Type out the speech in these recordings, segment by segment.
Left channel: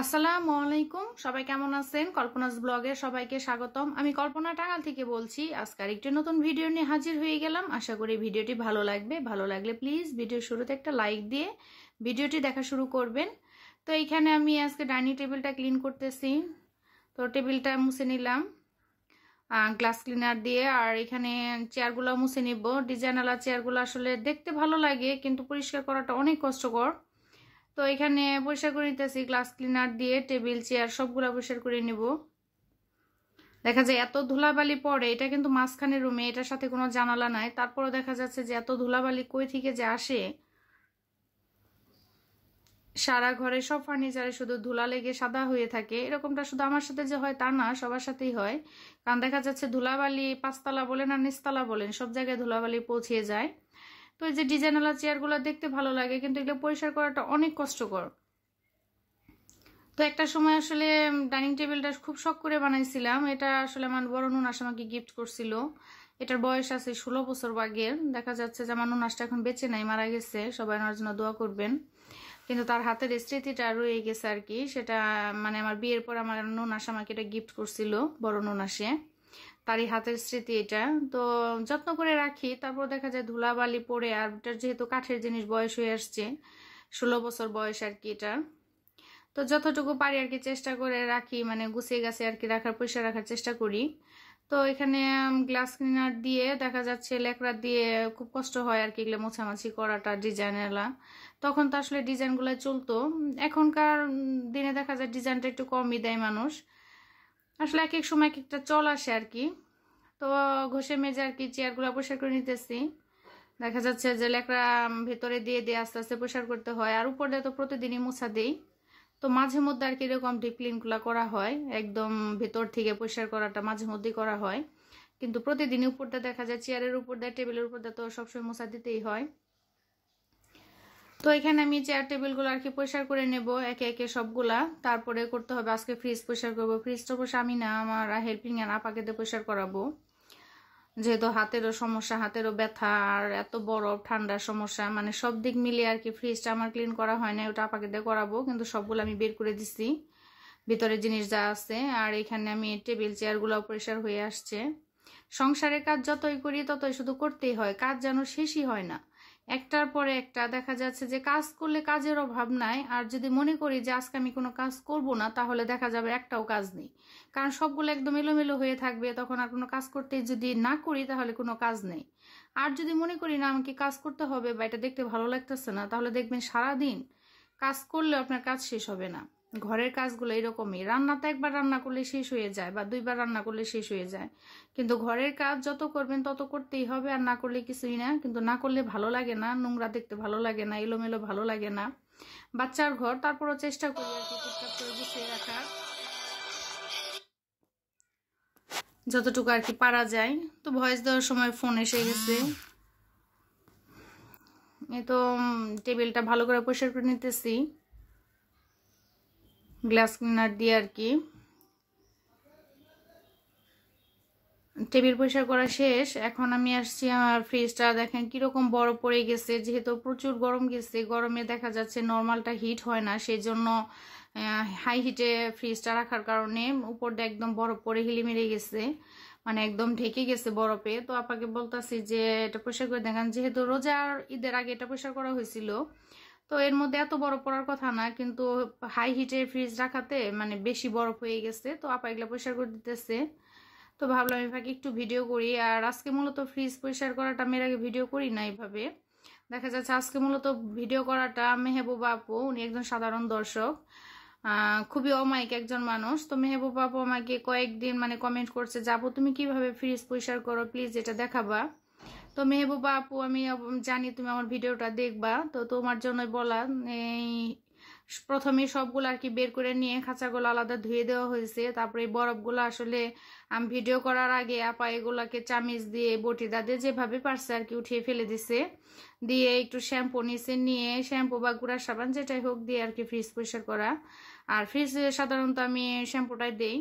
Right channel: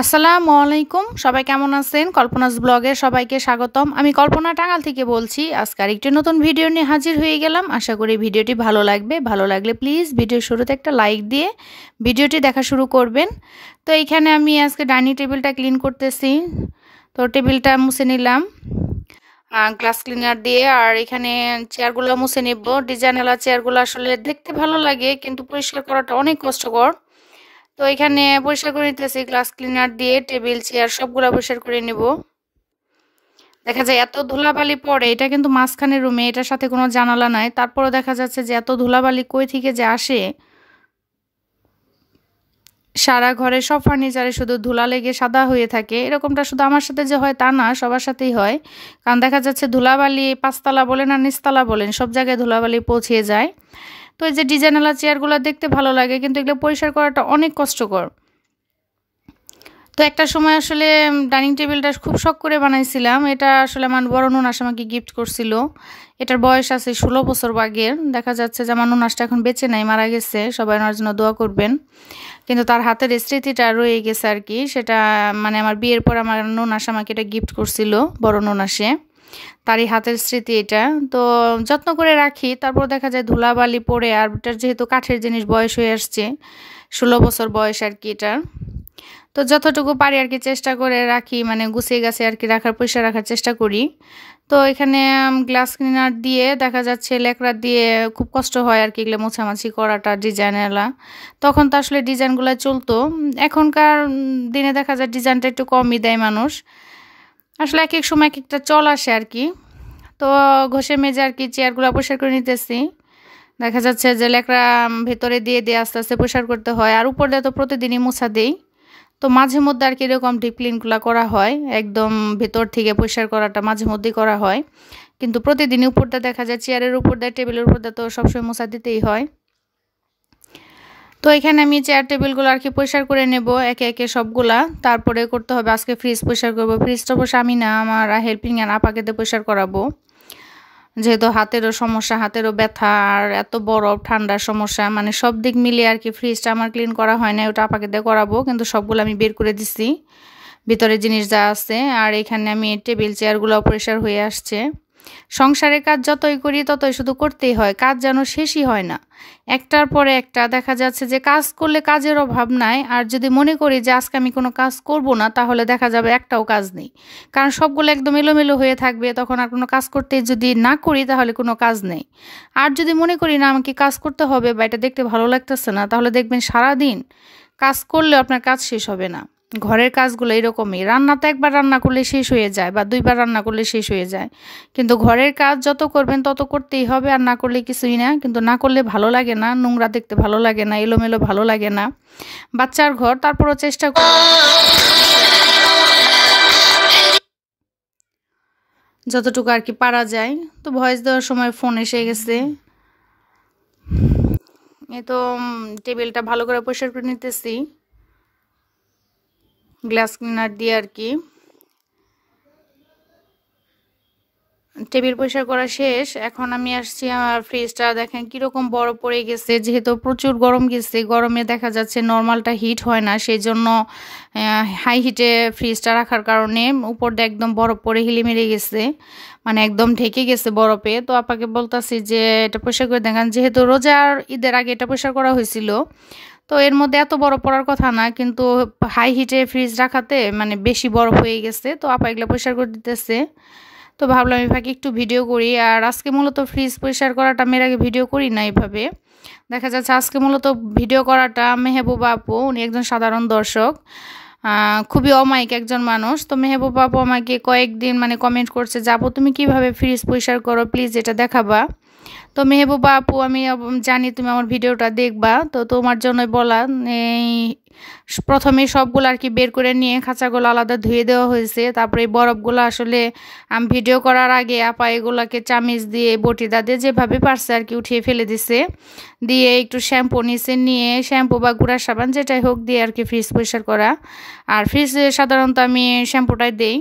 আসসালামু আলাইকুম। সবাই কেমন আছেন? কল্পনাস ব্লগে সবাইকে স্বাগতম। আমি কল্পনা টাঙ্গাইল থেকে বলছি। আজকে আরেকটি নতুন ভিডিও নিয়ে হাজির হয়ে গেলাম। আশা করি ভিডিওটি ভালো লাগবে। ভালো লাগলে প্লিজ ভিডিওর শুরুতে একটা লাইক দিয়ে ভিডিওটি দেখা শুরু করবেন। তো এইখানে আমি আজকে ডাইনিং টেবিলটা ক্লিন করতেছি। তো টেবিলটা মুছে নিলাম গ্লাস ক্লিনার দিয়ে। আর এখানে চেয়ারগুলো মুছে নিব। ডিজাইনওয়ালা চেয়ারগুলো আসলে দেখতে ভালো লাগে, কিন্তু পরিষ্কার করাটা অনেক কষ্টকর। তো এখানে পরিষ্কার করে নিতেছি গ্লাস ক্লিনার দিয়ে। টেবিল চেয়ার সবগুলো পরিষ্কার করে নিব। দেখা যায় এত ধুলাবালি পড়ে, এটা কিন্তু মাঝখানের রুমে, এটার সাথে কোনো জানালা নাই, তারপরও দেখা যাচ্ছে যে এত ধুলাবালি কই থেকে যে আসে। সারা ঘরে সব ফার্নিচারে শুধু ধুলা লেগে সাদা হয়ে থাকে। এরকমটা শুধু আমার সাথে যে হয় তা না, সবার সাথেই হয়। কারণ দেখা যাচ্ছে ধুলাবালি পাঁচতলা বলেন আর নিচতলা বলেন, সব জায়গায় ধুলাবালি পৌঁছে যায়। তো এই যে ডিজাইনওয়ালা চেয়ারগুলো দেখতে ভালো লাগে, কিন্তু এগুলো পরিষ্কার করাটা অনেক কষ্টকর। তো একটা সময় আসলে ডাইনিং টেবিলটা খুব শখ করে বানাইছিলাম। এটা আসলে আমার বড় ননাস আমাকে গিফট করছিল। এটার বয়স আছে 16 বছর আগের। দেখা যাচ্ছে যে আমার ননাসটা এখন বেঁচে নাই, মারা গেছে। সবাই ওনার জন্য দোয়া করবেন। কিন্তু তার হাতের স্মৃতিটা রয়ে গেছে আর কি। সেটা মানে আমার বিয়ের পর আমার ননাস আমাকে এটা গিফট করছিল, বড় ননাসে। তারই হাতের স্মৃতি এটা। তো যত্ন করে রাখি, তারপর দেখা যায় ধুলাবালি পড়ে। আর এটার যেহেতু কাঠের জিনিস, বয়স হয়ে আসছে, 16 বছর বয়স আর কি এটার। তো যতটুকু পারি আর কি চেষ্টা করে রাখি, মানে গুছিয়ে গাছে আর কি রাখার, পয়সা রাখার চেষ্টা করি। তো এখানে গ্লাস ক্লিনার দিয়ে দেখা যাচ্ছে লেকড়া দিয়ে খুব কষ্ট হয় আর কি এগুলো মোছামাছি করাটা, ডিজাইনেলা। তখন তো আসলে ডিজাইনগুলো চলতো। এখনকার দিনে দেখা যায় ডিজাইনটা একটু কমই দেয় মানুষ। আসলে এক এক সময় এক একটা চল আসে আর কি। তো ঘষে মেজে আর কি চেয়ারগুলো পরিষ্কার করে নিতেছি। দেখা যাচ্ছে যে লেকড়া ভেতরে দিয়ে দিয়ে আস্তে আস্তে পরিষ্কার করতে হয়। আর উপর দিয়ে তো প্রতিদিনই মোছা দেই। তো মাঝে মধ্যে আর কি এরকম ডিপ ক্লিনগুলো করা হয়, একদম ভেতর থেকে পরিষ্কার করাটা মাঝে মধ্যেই করা হয়। কিন্তু প্রতিদিনই উপরটা দেখা যায় চেয়ারের উপর দিয়ে, টেবিলের উপর দিয়ে তো সবসময় মোছা দিতেই হয়। তো এখানে আমি চেয়ার টেবিলগুলো আর কি পরিষ্কার করে নেব একে একে সবগুলা। তারপরে করতে হবে আজকে ফ্রিজ পরিষ্কার করবো। ফ্রিজটা অবশ্য আমি না, আমার হেল্পিং আর আপাকে দিয়ে পরিষ্কার করাবো। যেহেতু হাতেরও সমস্যা, হাতেরও ব্যথা, আর এত বরফ ঠান্ডার সমস্যা, মানে সব দিক মিলিয়ে আর কি ফ্রিজটা আমার ক্লিন করা হয় না। ওটা আপাকে দিয়ে করাবো, কিন্তু সবগুলো আমি বের করে দিছি, ভিতরে জিনিস যা আছে। আর এখানে আমি টেবিল চেয়ারগুলো পরিষ্কার হয়ে আসছে। সংসারের কাজ যতই করি ততই শুধু করতেই হয়, কাজ যেন শেষই হয় না। একটার পরে একটা দেখা যাচ্ছে যে কাজ করলে কাজের অভাব নাই। আর যদি মনে করি যে আজকে আমি কোনো কাজ করব না, তাহলে দেখা যাবে একটাও কাজ নেই। কারণ সবগুলো একদম এলোমেলো হয়ে থাকবে, তখন আর কোনো কাজ করতে যদি না করি তাহলে কোনো কাজ নেই। আর যদি মনে করি না আমাকে কাজ করতে হবে বা এটা দেখতে ভালো লাগতেছে না, তাহলে দেখবেন সারাদিন কাজ করলেও আপনার কাজ শেষ হবে না। ঘরের কাজগুলো এরকমই, রান্না তো একবার রান্না করলে শেষ হয়ে যায় বা দুইবার রান্না করলে শেষ হয়ে যায়। কিন্তু ঘরের কাজ যত করবেন তত করতেই হবে, আর না করলে কিছুই না। কিন্তু না করলে ভালো লাগে না, নোংরা দেখতে ভালো লাগে না, এলোমেলো ভালো লাগে না। বাচ্চার ঘর, তারপরও চেষ্টা করি যতটুকু আর কি পারা যায়। তো ভয়েস দেওয়ার সময় ফোন এসে গেছে। এই তো টেবিলটা ভালো করে পরিষ্কার করে নিতেছি গ্লাস ক্লিনার দিয়ে আর কি। টেবিল পরিষ্কার করা শেষ। এখন আমি আসছি আমার ফ্রিজটা, দেখেন কীরকম বরফ পড়ে গেছে। যেহেতু প্রচুর গরম গেছে, গরমে দেখা যাচ্ছে নর্মালটা হিট হয় না, সেই জন্য হাই হিটে ফ্রিজটা রাখার কারণে উপর দিয়ে একদম বরফ পড়ে হিলিমেরে গেছে, মানে একদম ঢেকে গেছে বরফে। তো আপাকে বলতাছি যে এটা পরিষ্কার করে দেখেন, যেহেতু রোজার ঈদের আগে এটা পরিষ্কার করা হয়েছিল। তো এর মধ্যে এত বরফ পড়ার কথা না, কিন্তু হাই হিটে ফ্রিজ রাখাতে মানে বেশি বরফ হয়ে গেছে। তো আপা এগুলো পরিষ্কার করে দিতেছে। তো ভাবলাম আমি ফাঁকে একটু ভিডিও করি। আর আজকে মূলত ফ্রিজ পরিষ্কার করাটা মেয়ের আগে ভিডিও করি না এইভাবে। দেখা যাচ্ছে আজকে মূলত ভিডিও করাটা মেহবুবা আপু, উনি একজন সাধারণ দর্শক, খুবই অমায়িক একজন মানুষ। তো মেহবুবা আপু আমাকে কয়েকদিন মানে কমেন্ট করছে, যাবো তুমি কিভাবে ফ্রিজ পরিষ্কার করো, প্লিজ এটা দেখাবা। তো মেহবুবা আপু, আমি জানি তুমি আমার ভিডিওটা দেখবা, তো তোমার জন্যই বলা। এই প্রথমে সবগুলো আর কি বের করে নিয়ে খাঁচাগুলো আলাদা ধুয়ে দেওয়া হয়েছে। তারপরে এই বরফগুলো আসলে আমি ভিডিও করার আগে আপা এগুলোকে চামিচ দিয়ে বটিদা দিয়ে যেভাবে পারছে আর কি উঠিয়ে ফেলে দিছে। দিয়ে একটু শ্যাম্পু নিচে নিয়ে, শ্যাম্পু বা গুঁড়া সাবান যেটাই হোক দিয়ে আর কি ফ্রিজ পরিষ্কার করা। আর ফ্রিজে সাধারণত আমি শ্যাম্পুটাই দেই,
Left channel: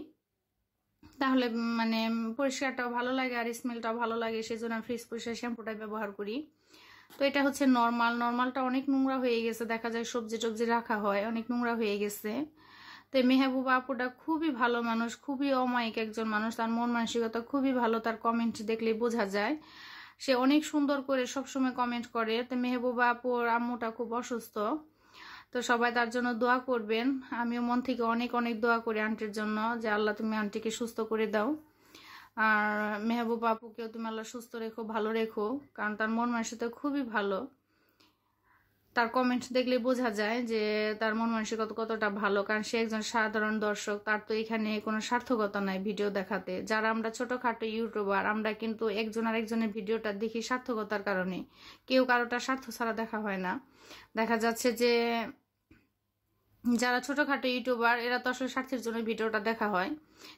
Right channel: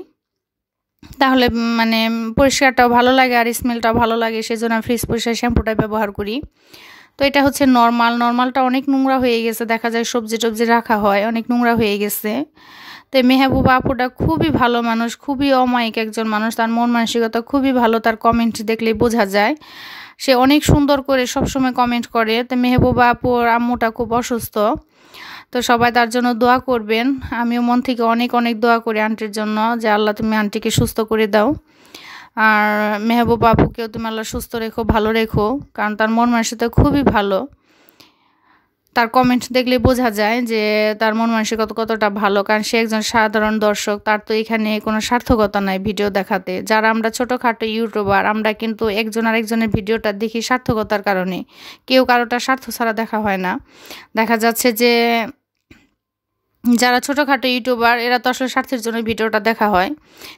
তাহলে মানে পরিষ্কারটাও ভালো লাগে আর স্মেলটাও ভালো লাগে, সেজন্য আমি ফ্রিজ পরিষ্কার শ্যাম্পুটাই ব্যবহার করি। তো এটা হচ্ছে নর্মালটা অনেক নোংরা হয়ে গেছে, দেখা যায় সবজি টবজি রাখা হয়, অনেক নোংরা হয়ে গেছে। তো মেহবুবা আপুটা খুবই ভালো মানুষ, খুবই অমায়িক একজন মানুষ, তার মন মানসিকতা খুবই ভালো, তার কমেন্ট দেখলেই বোঝা যায়। সে অনেক সুন্দর করে সবসময় কমেন্ট করে। তো মেহবুবা আপুর আম্মুটা খুব অসুস্থ, তো সবাই তার জন্য দোয়া করবেন। আমিও মন থেকে অনেক অনেক দোয়া করি আন্টির জন্য, যে আল্লাহ তুমি আন্টিকে সুস্থ করে দাও, আর মেহবুবা আপুকেও তুমি আল্লাহ সুস্থ রেখো, ভালো রেখো, কারণ তার মন মানসিকতা খুবই ভালো। তার কমেন্ট দেখলে বোঝা যায় যে তার মন মানসিকতা কতটা ভালো, কারণ সে একজন সাধারণ দর্শক, তার তো এখানে কোনো সার্থকতা নাই ভিডিও দেখাতে। যারা আমরা ছোটোখাটো ইউটিউবার, আমরা কিন্তু একজন আরেকজনের ভিডিওটা দেখি সার্থকতার কারণে, কেউ কারোটা স্বার্থ ছাড়া দেখা হয় না। দেখা যাচ্ছে যে যারা ছোটোখাটো ইউটিউবার, এরা তো আসলে স্বার্থের জন্য ভিডিওটা দেখা হয়,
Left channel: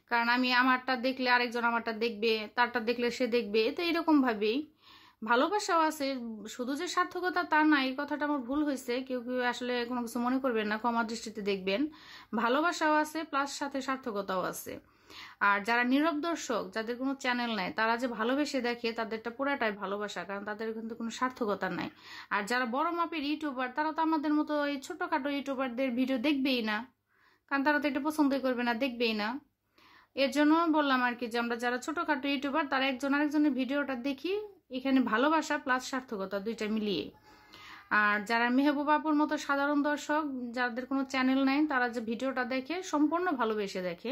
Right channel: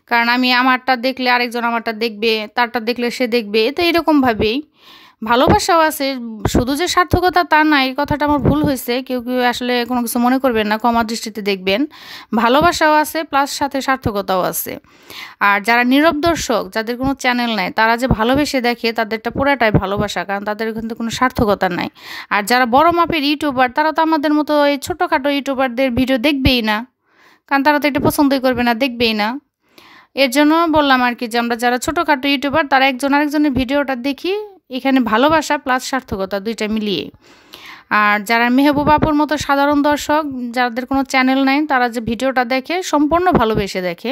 কারণ আমি আমারটা দেখলে আরেকজন আমারটা দেখবে, তারটা দেখলে সে দেখবে, তো এরকমভাবেই ভালোবাসাও আছে। শুধু যে সার্থকতা তা না, এই কথাটা আমার ভুল হয়েছে, কেউ কেউ আসলে কোনো কিছু মনে করবেন না, ক্ষমা দৃষ্টিতে দেখবেন। ভালোবাসাও আছে প্লাস সাথে সার্থকতাও আছে। আর যারা নীরব দর্শক, যাদের কোনো চ্যানেল নাই, তারা যে ভালোবেসে দেখে, তাদেরটা পুরাটাই ভালোবাসা, কারণ তাদের কিন্তু কোনো সার্থকতা নাই। আর যারা বড় মাপের ইউটিউবার, তারা তো আমাদের মতো এই ছোটোখাটো ইউটিউবারদের ভিডিও দেখবেই না, কারণ তারা তো এটা পছন্দই করবে না, দেখবেই না। এর জন্য বললাম আর কি, যে আমরা যারা ছোটোখাটো ইউটিউবার, তারা একজন আরেকজনের ভিডিওটা দেখি, এখানে ভালোবাসা প্লাস সার্থকতা দুইটা মিলিয়ে। আর যারা মেহবুবা আপুর মতো সাধারণ দর্শক, যাদের কোনো চ্যানেল নাই, তারা যে ভিডিওটা দেখে সম্পূর্ণ ভালোবেসে দেখে।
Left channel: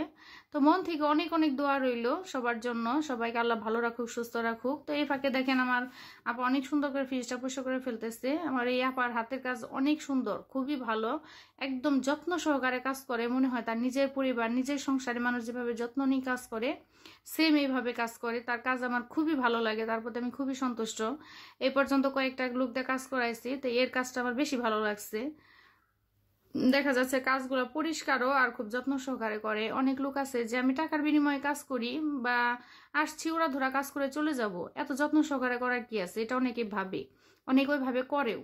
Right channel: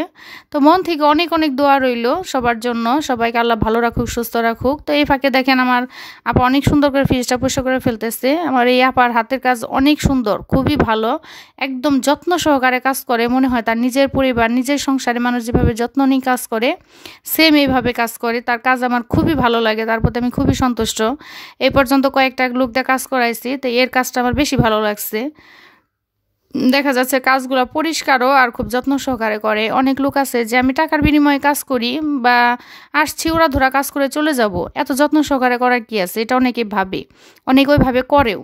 তো মন থেকে অনেক অনেক দোয়া রইল সবার জন্য, সবাইকে আল্লাহ ভালো রাখুক, সুস্থ রাখুক। তো এই ফাঁকে দেখেন আমার আপা অনেক সুন্দর করে ফ্রিজটা পরিষ্কার করে ফেলতেছে। আমার এই আপার হাতের কাজ অনেক সুন্দর, খুবই ভালো, একদম যত্ন সহকারে কাজ করে, মনে হয় তার নিজের পরিবার, নিজের সংসারে মানুষ যেভাবে যত্ন নিয়ে কাজ করে, সেম এইভাবে কাজ করে। তার কাজ আমার খুবই ভালো লাগে, তার প্রতি আমি খুবই সন্তুষ্ট। এই পর্যন্ত কয়েকটা লোক দিয়ে কাজ করাইছি, তো এর কাজটা আমার বেশি ভালো লাগছে। দেখা যাচ্ছে কাজগুলো পরিষ্কারও আর খুব যত্ন সহকারে করে। অনেক লোক আছে যে আমি টাকার বিনিময়ে কাজ করি বা আসছি ওরা ধরা কাজ করে চলে যাব, এত যত্ন সহকারে করার কি আছে, এটা অনেকে ভাবে, অনেকে ওইভাবে করেও।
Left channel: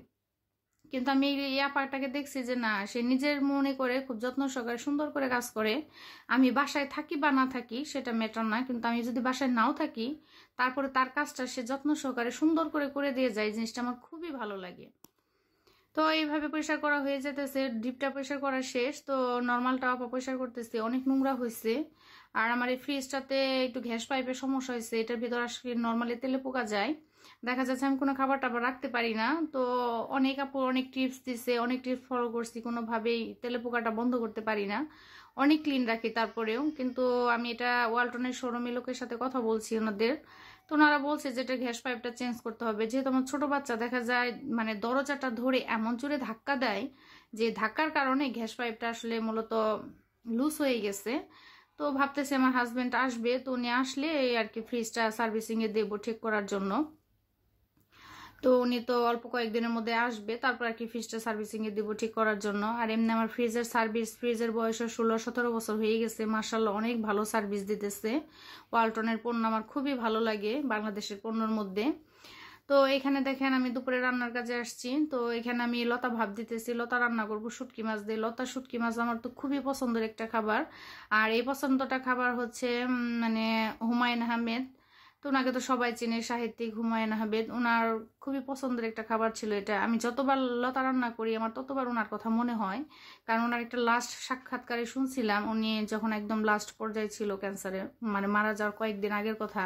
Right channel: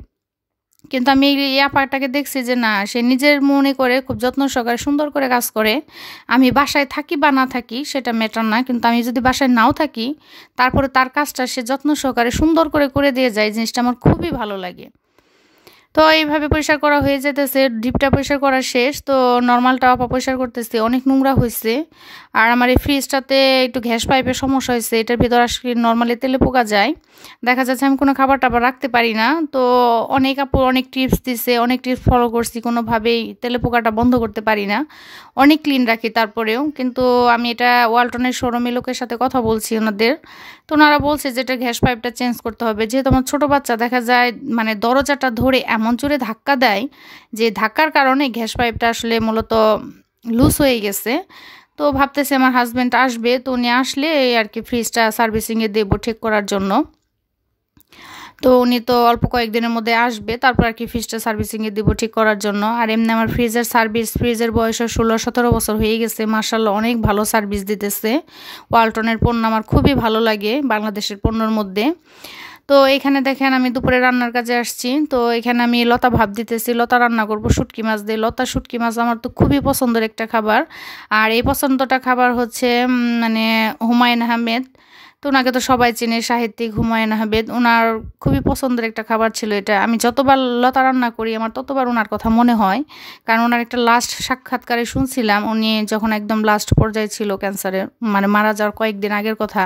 কিন্তু আমি এই আপাটাকে দেখছি যে না, সে নিজের মনে করে খুব যত্ন সহকারে সুন্দর করে কাজ করে। আমি বাসায় থাকি বা না থাকি সেটা ম্যাটার না, কিন্তু আমি যদি বাসায় নাও থাকি, তারপরে তার কাজটা সে যত্ন সহকারে সুন্দর করে করে দিয়ে যায়, জিনিসটা আমার খুবই ভালো লাগে। তো এইভাবে পরিষ্কার করা হয়ে যেতেছে, ডিপটা পরিষ্কার করা শেষ, তো নর্মালটা আপা পরিষ্কার করতেছে, অনেক নোংরা হয়েছে। আর আমার এই ফ্রিজটাতে একটু গ্যাস পাইপের সমস্যা হয়েছে, এটার ভিতর আসলে নর্মালি তেলে পোকা যায়, দেখা যাচ্ছে আমি কোনো খাবার টাবার রাখতে পারি না। তো অনেক আপু অনেক টিপস দিছে, অনেক টিপস ফলো করছি, কোনোভাবেই তেলে পোকাটা বন্ধ করতে পারি না। অনেক ক্লিন রাখি তারপরেও, কিন্তু আমি এটা ওয়ালটনের শোরুমে লোকের সাথে কথা বলছি ওনাদের, তো ওনারা বলছে যে এটা গ্যাস পাইপটা চেঞ্জ করতে হবে। যেহেতু আমার ছোটো বাচ্চা, দেখা যায় মানে দরজাটা ধরে এমন জোরে ধাক্কা দেয়, যে ধাক্কার কারণে গ্যাস পাইপটা আসলে মূলত লুজ হয়ে গেছে। তো ভাবতেছি আমার হাজব্যান্ড আসবে, তো উনি আসলে আর কি ফ্রিজটা সার্ভিসিংয়ে দেবো ঠিক করার জন্য। তো উনি তো অল্প কয়েকদিনের মধ্যে আসবে, তারপর আর কি ফ্রিজটা সার্ভিসিংয়ে দিব ঠিক করার জন্য। আর এমনি আমার ফ্রিজের বয়স 16-17 বছর হয়ে গেছে, মার্শাল্লাহ অনেক ভালো সার্ভিস দিতেছে। ওয়ালটনের পণ্য আমার খুবই ভালো লাগে বাংলাদেশের পণ্যর মধ্যে। তো এখানে দেখেন আমি দুপুরে রান্নার কাজে আসছি, তো এখানে আমি লতা ভাপ দিতেছি, লতা রান্না করব শুটকি মাছ দিয়ে। লতা শুটকি মাছ আমার তো খুবই পছন্দের একটা খাবার। আর এই পছন্দটা খাবার হচ্ছে মানে হুমায়ুন আহমেদ, তো ওনাকে তো সবাই চেনে, সাহিত্যিক হুমায়ুন আহমেদ, ওনার খুবই পছন্দের একটা খাবার ছিল এটা। আমি যতবার লতা রান্না করি আমার ততবার ওনার কথা মনে হয়, কারণ ওনার একটা লাস্ট সাক্ষাৎকারে শুনছিলাম, উনি যখন একদম লাস্ট পর্যায়ে ছিল ক্যান্সারের, মানে মারা যাওয়ার কয়েকদিন আগের কথা,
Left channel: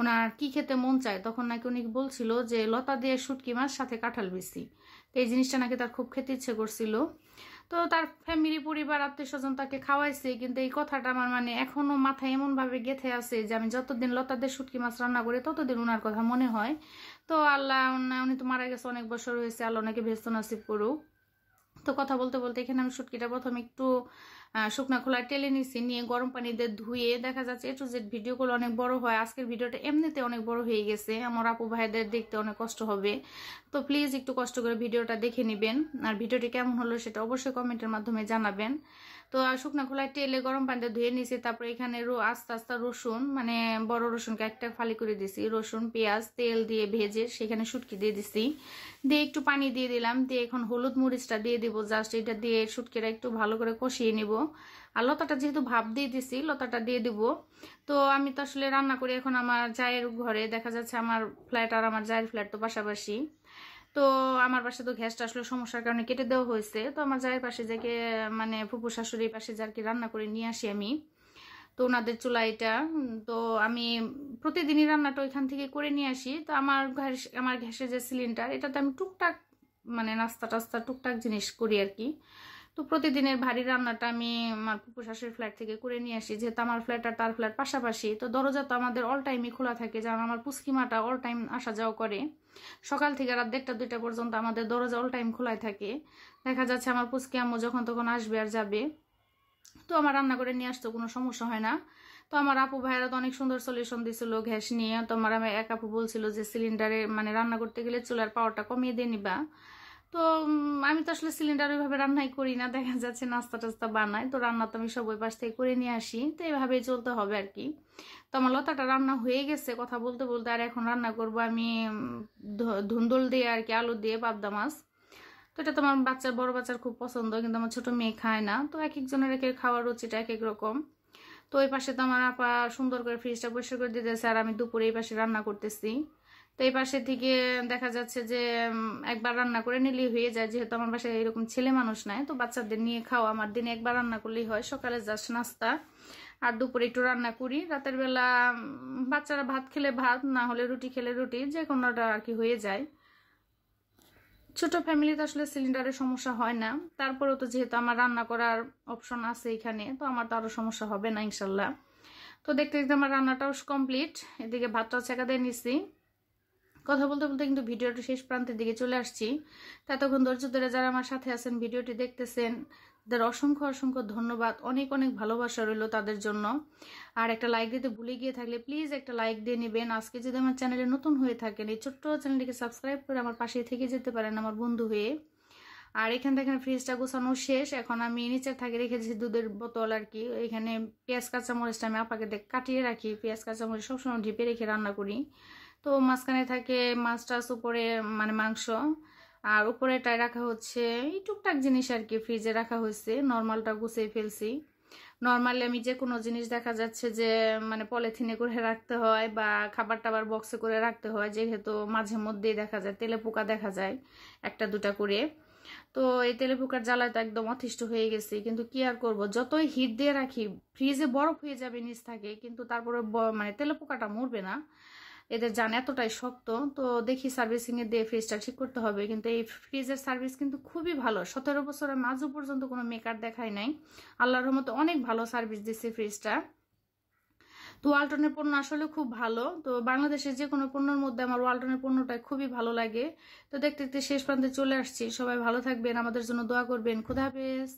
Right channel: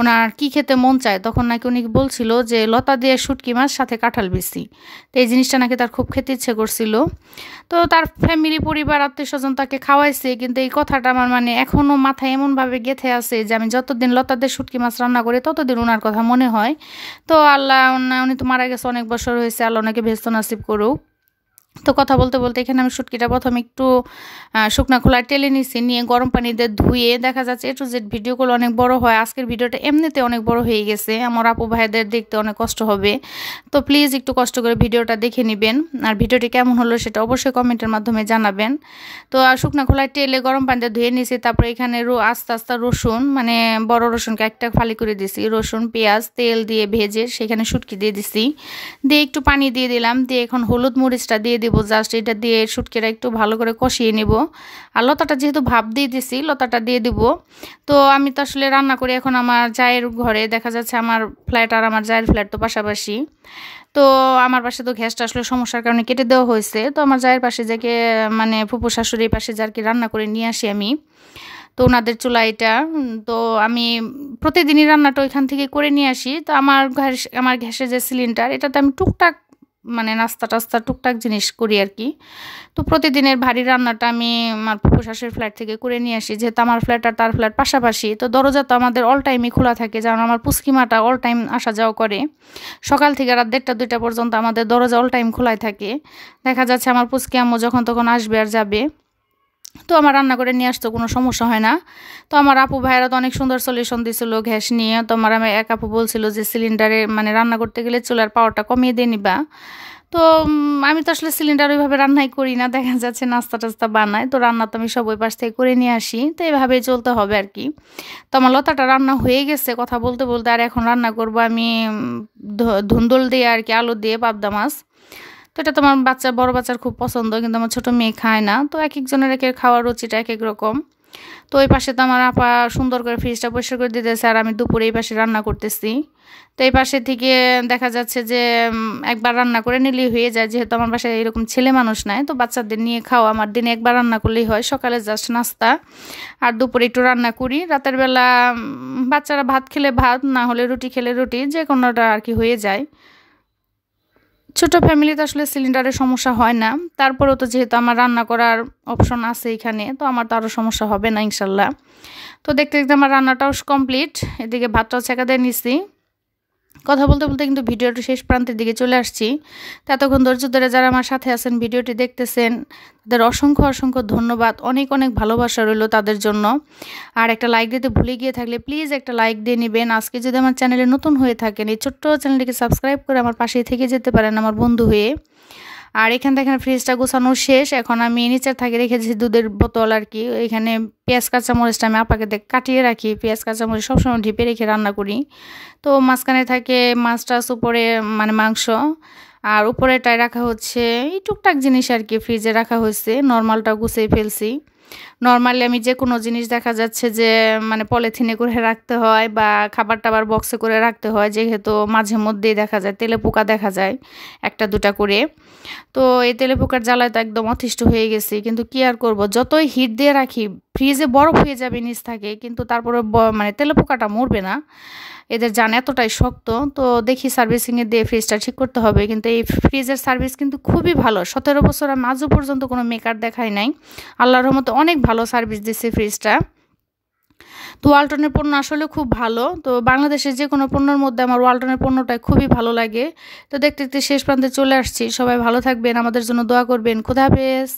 ওনার কি খেতে মন চায়, তখন নাকি উনি বলছিল যে লতা দিয়ে শুটকি মাছ সাথে কাঁঠাল বিচি, তো এই জিনিসটা নাকি তার খুব খেতে ইচ্ছে করছিল। তো তার ফ্যামিলি, পরিবার, আত্মীয় স্বজন তাকে খাওয়াইছে, কিন্তু এই কথাটা আমার মানে এখনও মাথায় এমনভাবে গেঁথে আছে যে আমি যতদিন লতা দিয়ে শুটকি মাছ রান্না করি ততদিন ওনার কথা মনে হয়। তো আল্লাহ, উনি তো মারা গেছে অনেক বছর হয়েছে, আল্লাহ ওনাকে ভেস্ত নাসিব করুক। তো কথা বলতে বলতে এখানে আমি শুটকিটা প্রথমে একটু শুকনা খোলায় টেলে নিছি, নিয়ে গরম পানি দিয়ে ধুয়ে, দেখা যাচ্ছে A to Z ভিডিওগুলো অনেক বড় হয়, আজকের ভিডিওটা এমনিতে অনেক বড় হয়ে গেছে, আমার আপু ভাইদের দেখতে অনেক কষ্ট হবে। তো প্লিজ একটু কষ্ট করে ভিডিওটা দেখে নেবেন, আর ভিডিওটি কেমন হলো সেটা অবশ্যই কমেন্টের মাধ্যমে জানাবেন। তো শুকনা খোলায় টেলে গরম পানি দিয়ে ধুয়ে নিছি, তারপরে এখানে আস্তে আস্তে রসুন, মানে বড় রসুনকে একটা ফালি করে দিছি, রসুন পেঁয়াজ তেল দিয়ে ভেজে সেখানে শুটকি দিয়ে দিছি, দিয়ে একটু পানি দিয়ে দিলাম, দিয়ে এখন হলুদ মরিচটা দিয়ে দিব জাস্ট, এটা দিয়ে শুটকিটা একটু ভালো করে কষিয়ে নেব। আর লতাটা যেহেতু ভাপ দিয়ে দিছি, লতাটা দিয়ে দিব। তো আমি তো আসলে রান্না করি এখন আমার জায়ের ঘরে, দেখা যাচ্ছে আমার ফ্ল্যাট আর আমার জায়ের ফ্ল্যাট তো পাশাপাশি। তো আমার পাশে তো গ্যাসটা আসলে সমস্যার কারণে কেটে দেওয়া হয়েছে। তো আমার জায়ের পাশে যাকে মানে ফুপু শাশুড়ির পাশে যাকে রান্না করে নিয়ে আসি আমি, তো ওনাদের চুলা এটা। তো আমি প্রতিদিনই রান্নাটা ওইখান থেকে করে নিয়ে আসি। তো আমার গ্যাসের যে সিলিন্ডার, এটাতে আমি টুকটাক মানে নাস্তা টাস্তা টুকটাক জিনিস করি আর কি। তো প্রতিদিনের ভারী রান্নাটা আমি আমার ফুফু শাশুড়ির ফ্ল্যাট থেকে করে নিয়ে আসি, যেহেতু আমার ফ্ল্যাট আর তার ফ্ল্যাট পাশাপাশি। তো দরজা তো আমাদের অল টাইমই খোলা থাকে, যেমন আমার পুচকিমাটা অল টাইম আসা যাওয়া করে। সকাল থেকে রাত 1টা 2টা পর্যন্ত আমাদের দরজা অল টাইম খোলাই থাকে। দেখা যাচ্ছে আমার পুচকি আম্মু যখন তখন আসবে আর যাবে। তো আমার রান্না করে নিয়ে আসতে কোনো সমস্যা হয় না। তো আমার আপু ভাইয়েরা তো অনেক সুন্দর সলিউশন দিছিল গ্যাস নিয়ে। তো আমার এক আপু বলছিল যে সিলিন্ডারে মানে রান্না করতে গেলে চুলার পাওয়ারটা কমিয়ে দিয়ে নিবা। তো আমি তো আসলে সিলিন্ডার ওইভাবে রান্নাই করি না, দেখা যাচ্ছে নাস্তা টাস্তা বানাই। তো রান্না তো আমি সব ওই পাশ থেকে করে নিয়ে আসি। তো এইভাবেই চলতে হবে আর কি। তো আমার লতাটা রান্না হয়ে গেছে কথা বলতে বলতে। আর এখন রান্না করব আমি ধুন্দুল দিয়ে আর কি, আলু দিয়ে পাবদা মাছ। তো এটা তোমার বড় বাচ্চার খুব পছন্দ, কিন্তু আমার ছোট মেয়ে খায় না। তো এক একজনের খাওয়ার রুচিটা এক এক রকম। তো ওই পাশে তো আমার আপা সুন্দর করে ফ্রিজটা পরিষ্কার করে দিতেছে, আর আমি দুপুরে এই পাশে রান্না করতেছি। তো এই পাশে থেকে দেখা যাচ্ছে যে একবার রান্না করে নিলেই হয়ে যায়, যেহেতু আমার বাসায় এরকম ছেলে মানুষ নাই। তো বাচ্চাদের নিয়ে খাওয়া আমার দিনে একবার রান্না করলেই হয়, সকালে জাস্ট নাস্তা, আর দুপুরে একটু রান্না করি। রাতের বেলা বাচ্চারা ভাত খেলে ভাত, না হলে রুটি খেলে রুটি, যে কোনোটা আর কি হয়ে যায়। ছোট ফ্যামিলিতে আসলে সিলিন্ডারের সমস্যা হয় না। তারপরেও তো যেহেতু আমার রান্না করার অপশন আছে এখানে, তো আমার তো আরও সমস্যা হবে না ইনশাল্লাহ। তো দেখতে দেখতে আমার রান্নাটাও কমপ্লিট। এদিকে ভাতটাও ছেঁকা দিয়ে নিছি। কথা বলতে বলতে কিন্তু ভিডিওটি শেষ প্রান্তের দিকে চলে আসছি। তো এতক্ষণ ধৈর্য ধরে যারা আমার সাথে আছেন, ভিডিওটি দেখতেছেন, তাদের অসংখ্য অসংখ্য ধন্যবাদ। অনেক অনেক ভালোবাসা রইল তাদের জন্য। আর একটা লাইক দিতে ভুলে গিয়ে থাকলে প্লিজ একটা লাইক দিয়ে নেবেন। আজকে যদি আমার চ্যানেলে নতুন হয়ে থাকেন, এই ছোট্ট চ্যানেলটিকে সাবস্ক্রাইব করে আমার পাশেই থেকে যেতে পারেন আমার বন্ধু হয়ে। আর এখান থেকে ফ্রিজটা গোছানো শেষ। এখন আমি নিচের থাকে রেখেছি দুধের বোতল আর কি। এখানে পেঁয়াজ কাঁচামরিচটা আমি আপাকে কাটিয়ে রাখি। পেঁয়াজ কাঁচামরিচ সবসময় ঢেপে রেখে রান্না করি। তো মাঝখানে থাকে মাছ টাছ, উপরে মানে মাংস, আর উপরেটায় রাখা হচ্ছে এই টুকটাক জিনিস আর কি। ফ্রিজে রাখা হয়েছে, নর্মালটা গুছিয়ে ফেলছি। নর্মালি আমি যে কোনো জিনিস দেখা যাচ্ছে যে মানে পলিথিনে করে রাখতে হয়, বা খাবার টাবার বক্সে করে রাখতে হয়, যেহেতু মাঝে মধ্যেই দেখা যায় তেলে পোকা দেখা যায় 1টা 2টা করে। তো এই তেলে পোকার জ্বালায় তো একদম অতিষ্ঠ হয়ে গেছি, কিন্তু কি আর করব, যতই হিট দিয়ে রাখি ফ্রিজে বরফ হয়ে যাবে নিচ থাকে, কিন্তু তারপরে মানে তেলে পোকাটা মরবে না। এদের জান এতটাই শক্ত। তো দেখি সার্ভিসিংয়ে দিয়ে ফ্রিজটা ঠিক করতে হবে। কিন্তু এই ফ্রিজের সার্ভিস কিন্তু খুবই ভালো। 17 বছর আমি আজও পর্যন্ত কোনো মেকার দেখাই নাই। আল্লাহর রহমতে অনেক ভালো সার্ভিস দিচ্ছে ফ্রিজটা। তো ওয়ালটনের পণ্য আসলে খুব ভালো। তো বাংলাদেশের যে কোনো পণ্যের মধ্যে আমার ওয়ালটনের পণ্যটাই খুবই ভালো লাগে। তো দেখতে দেখতে শেষ প্রান্তে চলে আসছি। সবাই ভালো থাকবেন, আমাদের জন্য দোয়া করবেন। খোদা হাফেজ।